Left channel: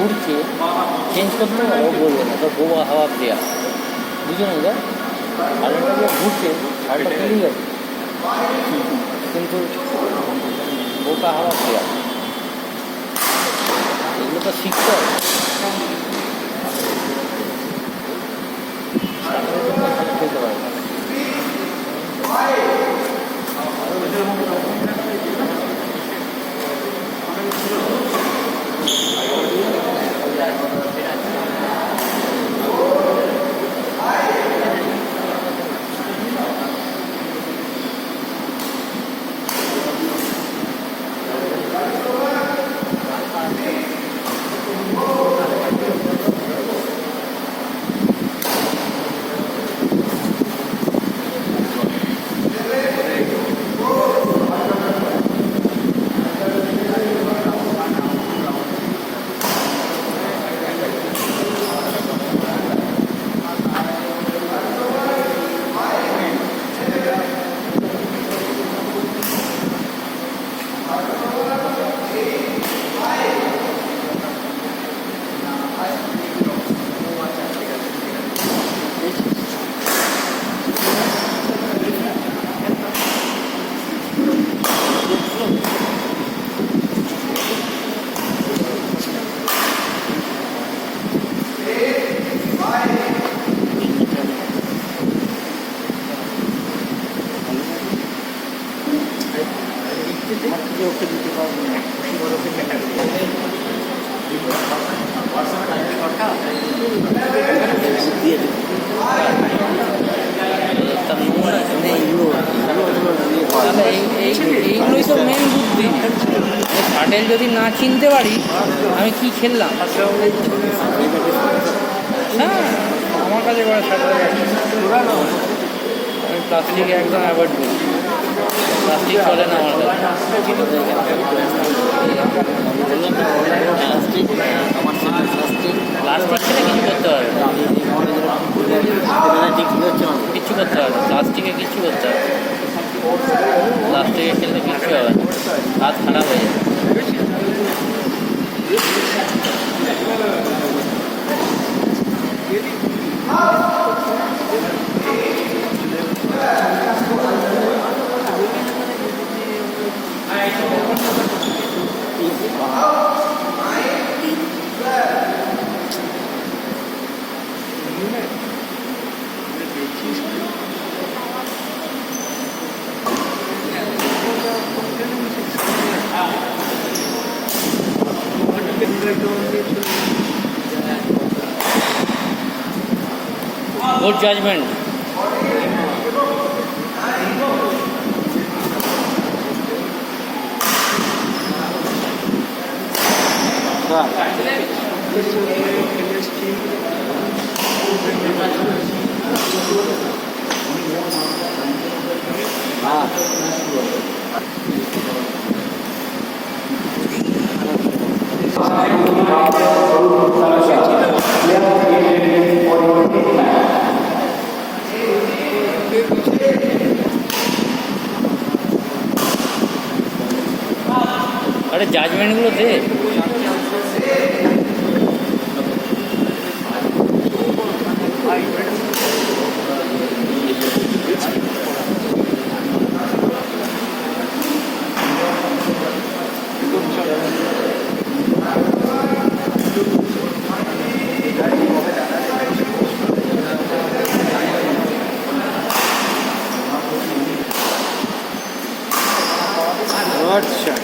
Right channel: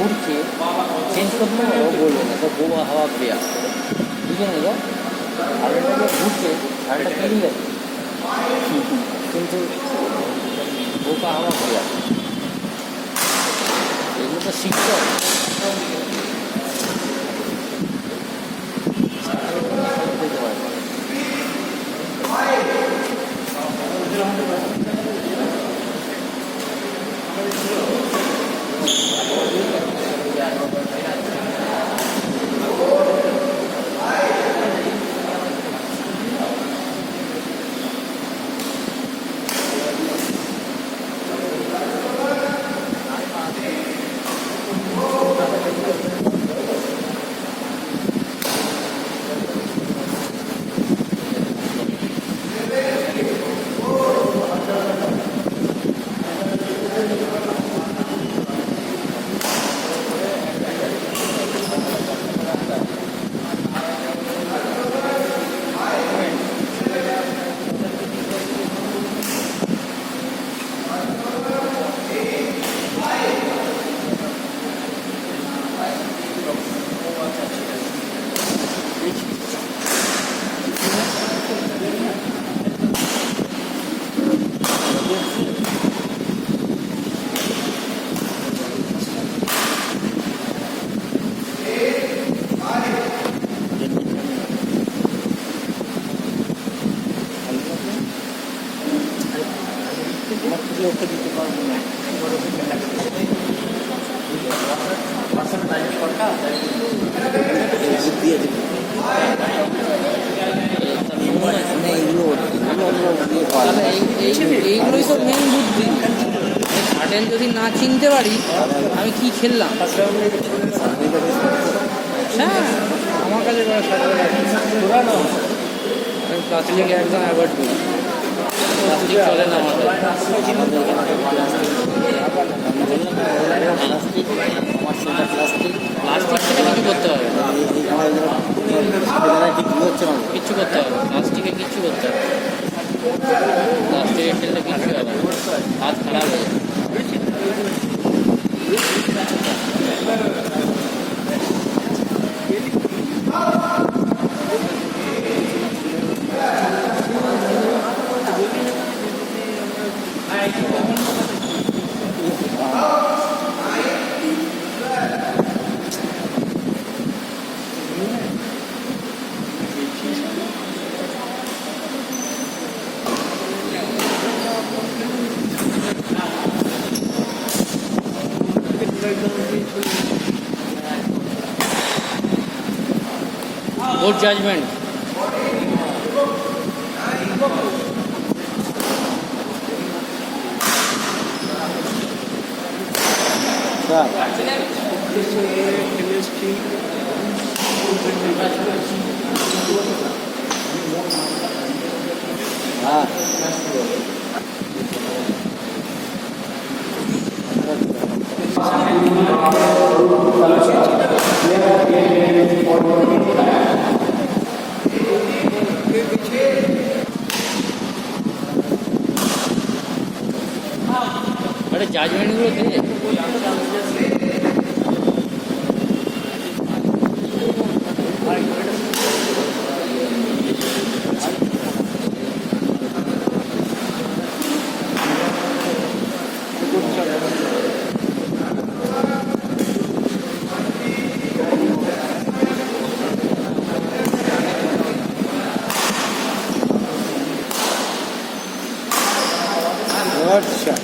ঘুরছে, চেঞ্জ করতে পারো বলবো না, তো বোবা হাওয়া প্লেয়ার বুঝে নেই যা সাড়েটা যে ঘুরছে, সাড়েটা চলে গেছে, কিন্তু বোকা হাওয়া প্লেয়ার এগুলো তো শিখতে হবে। বুঝতে পারে ওকে দিতে পারবো না। তাহলে এইগুলোই তো মেন বুদ্ধি। শাটেল যদি না চিনতে পারি আমি কি খেললাম। হ্যাঁ আমার কাছে করে শাটেল আমি প্লাস্টিক একদম অ্যাভয়েড করি, প্লাস্টিক চলে না আমার কাছে। প্লাস্টিক খেলে কিছু করতে পারবে না, কিচ্ছু করতে পারবে না, প্লাস্টিকে কিচ্ছু করতে হবে, প্লাস্টিকে খেললে কিচ্ছু হবে না, হাত খারাপ হয়ে যাবে। Good judgment. अरे जजमेंट गुलो दे। अच्छा